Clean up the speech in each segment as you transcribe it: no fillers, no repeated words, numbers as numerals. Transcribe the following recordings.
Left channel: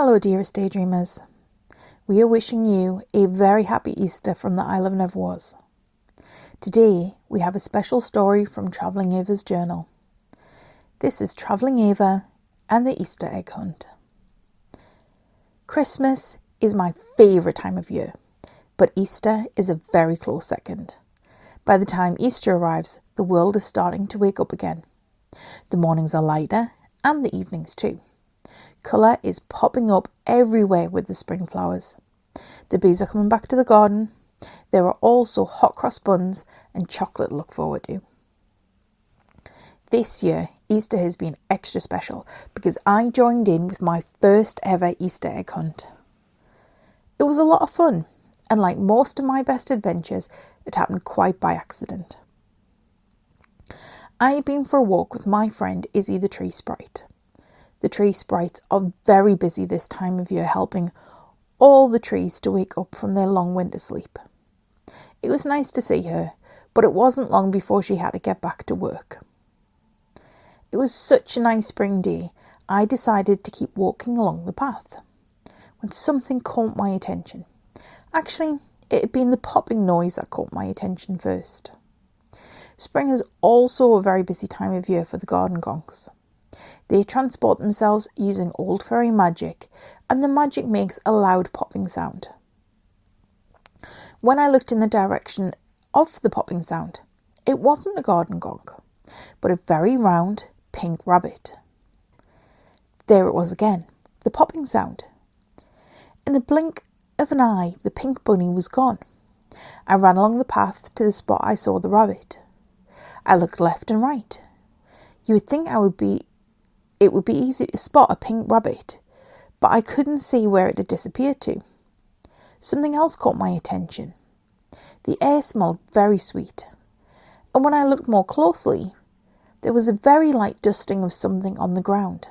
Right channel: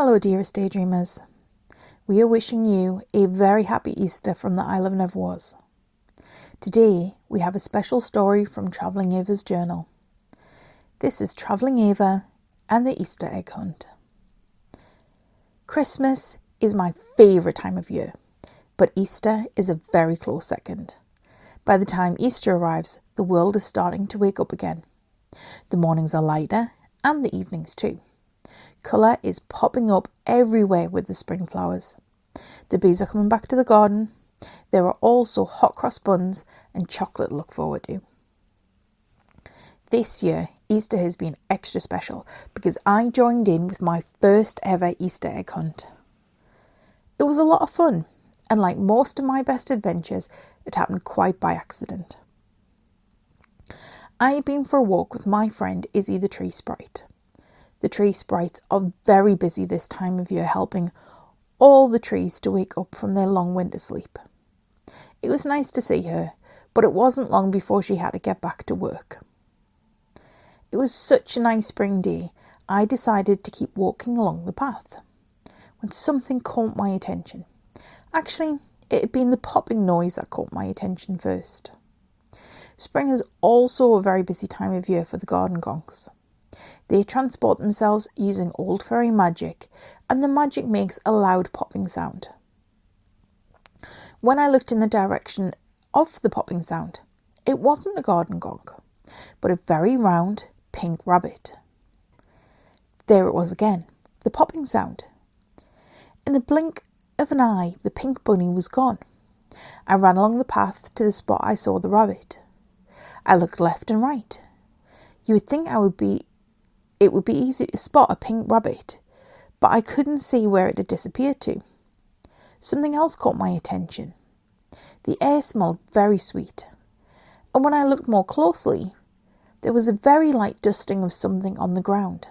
Hello dearest daydreamers. We are wishing you a very happy Easter from the Isle of Never Was. Today we have a special story from Travelling Ava's journal. This is Travelling Ava and the Easter Egg Hunt. Christmas is my favourite time of year, but Easter is a very close second. By the time Easter arrives, the world is starting to wake up again. The mornings are lighter and the evenings too. Colour is popping up everywhere with the spring flowers. The bees are coming back to the garden. There are also hot cross buns and chocolate to look forward to. This year, Easter has been extra special because I joined in with my first ever Easter egg hunt. It was a lot of fun, and like most of my best adventures, it happened quite by accident. I had been for a walk with my friend Izzy the tree sprite. The tree sprites are very busy this time of year, helping all the trees to wake up from their long winter sleep. It was nice to see her, but it wasn't long before she had to get back to work. It was such a nice spring day, I decided to keep walking along the path, when something caught my attention. Actually, it had been the popping noise that caught my attention first. Spring is also a very busy time of year for the garden gonks. They transport themselves using old fairy magic, and the magic makes a loud popping sound. When I looked in the direction of the popping sound, it wasn't a garden gonk, but a very round pink rabbit. There it was again, the popping sound. In a blink of an eye, the pink bunny was gone. I ran along the path to the spot I saw the rabbit. I looked left and right. You would think it would be easy to spot a pink rabbit, but I couldn't see where it had disappeared to. Something else caught my attention. The air smelled very sweet, and when I looked more closely, there was a very light dusting of something on the ground.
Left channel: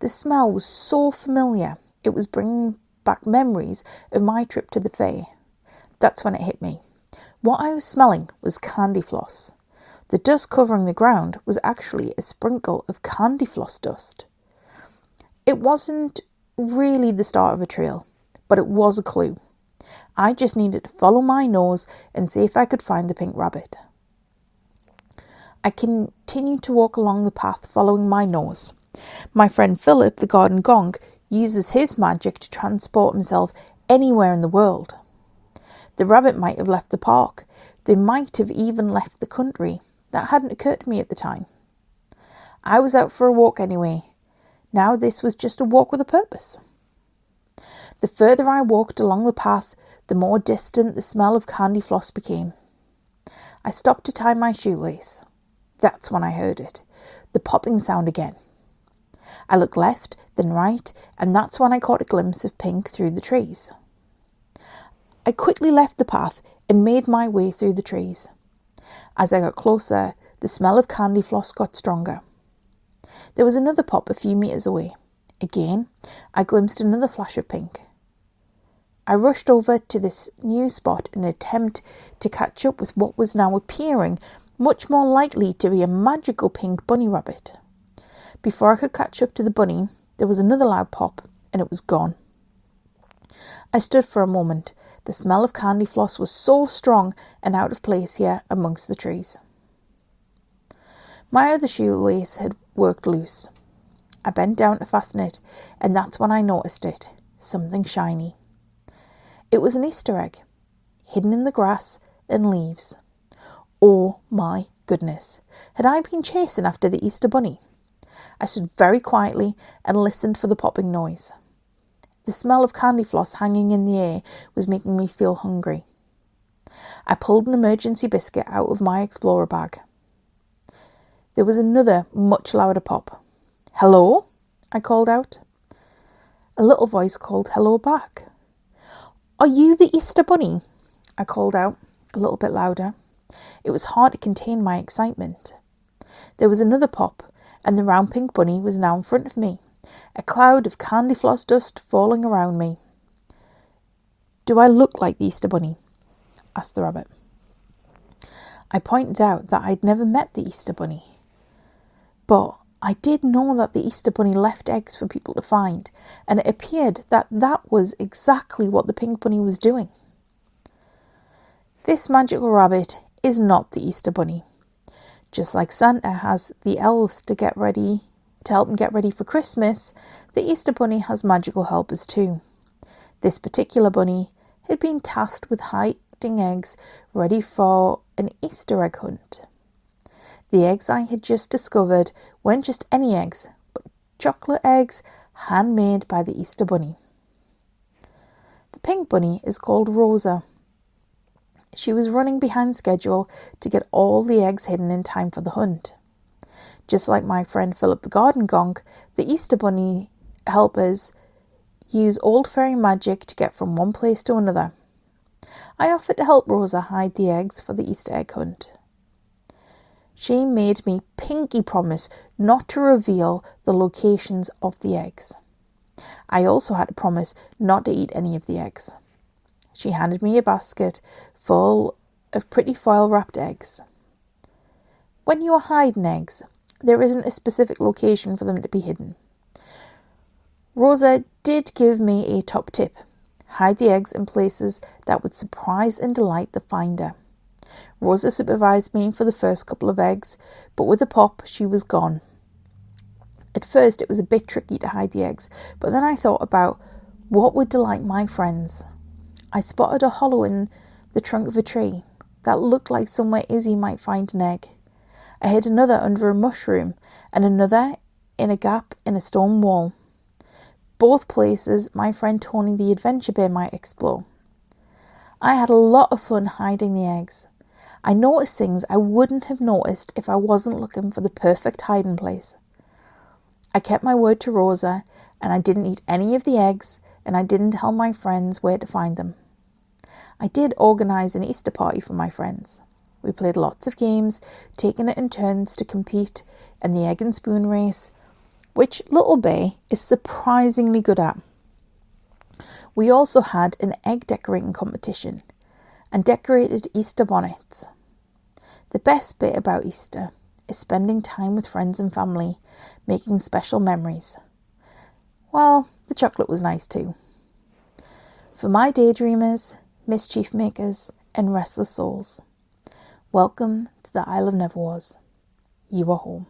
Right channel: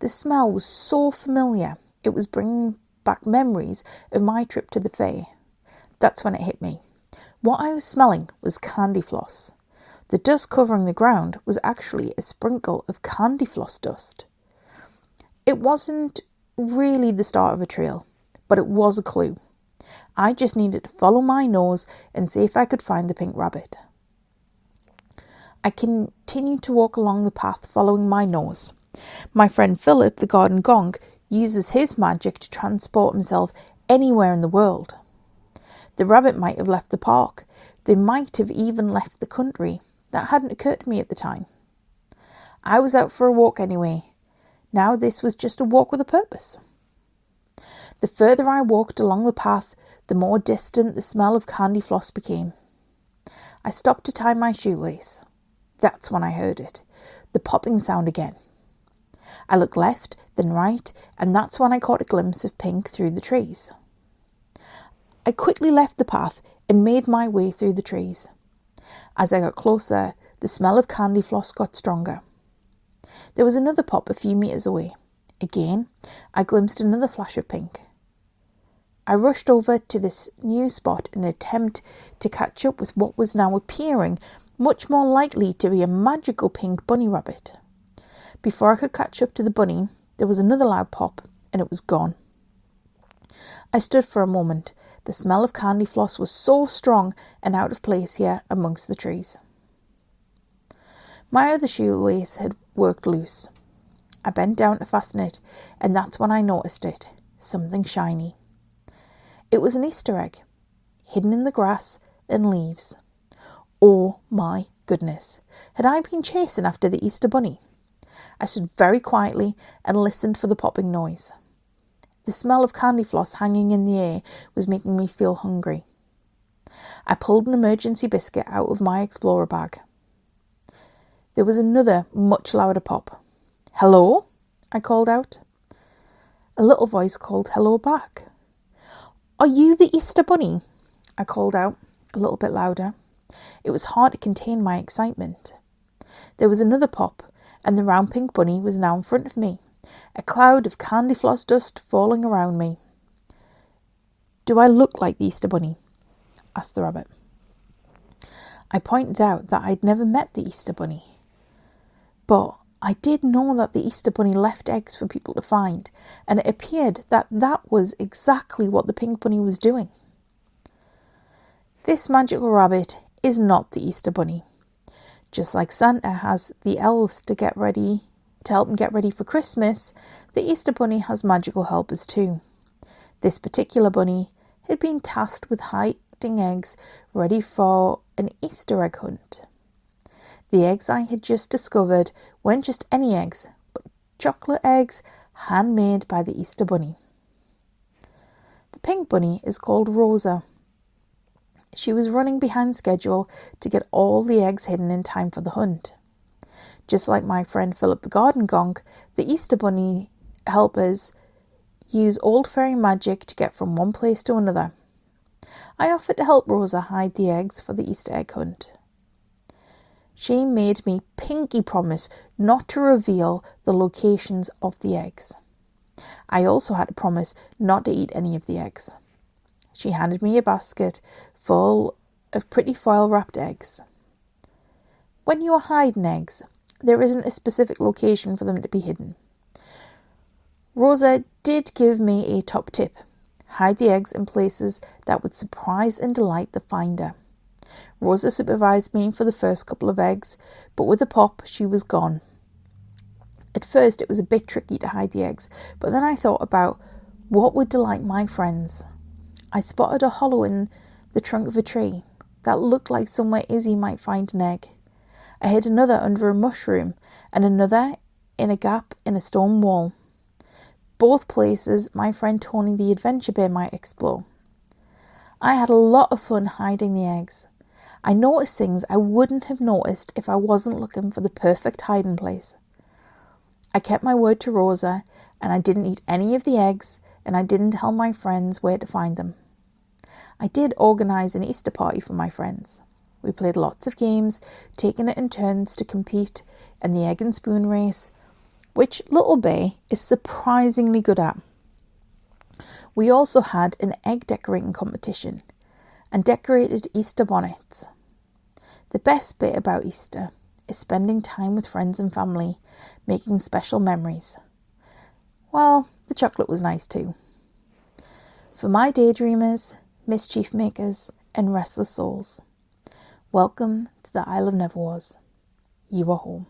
The smell was so familiar, it was bringing back memories of my trip to the fair. That's when it hit me. What I was smelling was candy floss. The dust covering the ground was actually a sprinkle of candy floss dust. It wasn't really the start of a trail, but it was a clue. I just needed to follow my nose and see if I could find the pink rabbit. I continued to walk along the path following my nose. My friend Philip, the garden gonk, uses his magic to transport himself anywhere in the world. The rabbit might have left the park. They might have even left the country. That hadn't occurred to me at the time. I was out for a walk anyway. Now this was just a walk with a purpose. The further I walked along the path, the more distant the smell of candy floss became. I stopped to tie my shoelace. That's when I heard it, the popping sound again. I looked left, then right, and that's when I caught a glimpse of pink through the trees. I quickly left the path and made my way through the trees. As I got closer, the smell of candy floss got stronger. There was another pop a few metres away. Again, I glimpsed another flash of pink. I rushed over to this new spot in an attempt to catch up with what was now appearing much more likely to be a magical pink bunny rabbit. Before I could catch up to the bunny, there was another loud pop, and it was gone. I stood for a moment. The smell of candy floss was so strong and out of place here amongst the trees. My other shoelace had worked loose. I bent down to fasten it, and that's when I noticed it, something shiny. It was an Easter egg, hidden in the grass and leaves. Oh my goodness, had I been chasing after the Easter bunny? I stood very quietly and listened for the popping noise. The smell of candy floss hanging in the air was making me feel hungry. I pulled an emergency biscuit out of my explorer bag. There was another, much louder pop. "Hello?" I called out. A little voice called hello back. "Are you the Easter bunny?" I called out, a little bit louder. It was hard to contain my excitement. There was another pop, and the round pink bunny was now in front of me. A cloud of candy floss dust falling around me. "Do I look like the Easter bunny?" asked the rabbit. I pointed out that I'd never met the Easter bunny, but I did know that the Easter Bunny left eggs for people to find, and it appeared that that was exactly what the Pink Bunny was doing. This magical rabbit is not the Easter Bunny. Just like Santa has the elves to help him get ready for Christmas, the Easter Bunny has magical helpers too. This particular bunny had been tasked with hiding eggs ready for an Easter egg hunt. The eggs I had just discovered weren't just any eggs, but chocolate eggs handmade by the Easter Bunny. The Pink Bunny is called Rosa. She was running behind schedule to get all the eggs hidden in time for the hunt. Just like my friend Philip the Garden Gonk, the Easter Bunny helpers use old fairy magic to get from one place to another. I offered to help Rosa hide the eggs for the Easter egg hunt. She made me pinky promise not to reveal the locations of the eggs. I also had to promise not to eat any of the eggs. She handed me a basket full of pretty foil-wrapped eggs. When you are hiding eggs, there isn't a specific location for them to be hidden. Rosa did give me a top tip: hide the eggs in places that would surprise and delight the finder. Rosa supervised me for the first couple of eggs, but with a pop, she was gone. At first, it was a bit tricky to hide the eggs, but then I thought about what would delight my friends. I spotted a hollow in the trunk of a tree that looked like somewhere Izzy might find an egg. I hid another under a mushroom and another in a gap in a stone wall. Both places my friend Tony the Adventure Bear might explore. I had a lot of fun hiding the eggs. I noticed things I wouldn't have noticed if I wasn't looking for the perfect hiding place. I kept my word to Rosa, and I didn't eat any of the eggs, and I didn't tell my friends where to find them. I did organise an Easter party for my friends. We played lots of games, taking it in turns to compete in the egg and spoon race, which Little Bear is surprisingly good at. We also had an egg decorating competition and decorated Easter bonnets. The best bit about Easter is spending time with friends and family, making special memories. Well, the chocolate was nice too. For my daydreamers, mischief-makers, and restless souls, welcome to the Isle of Neverwas. You are home.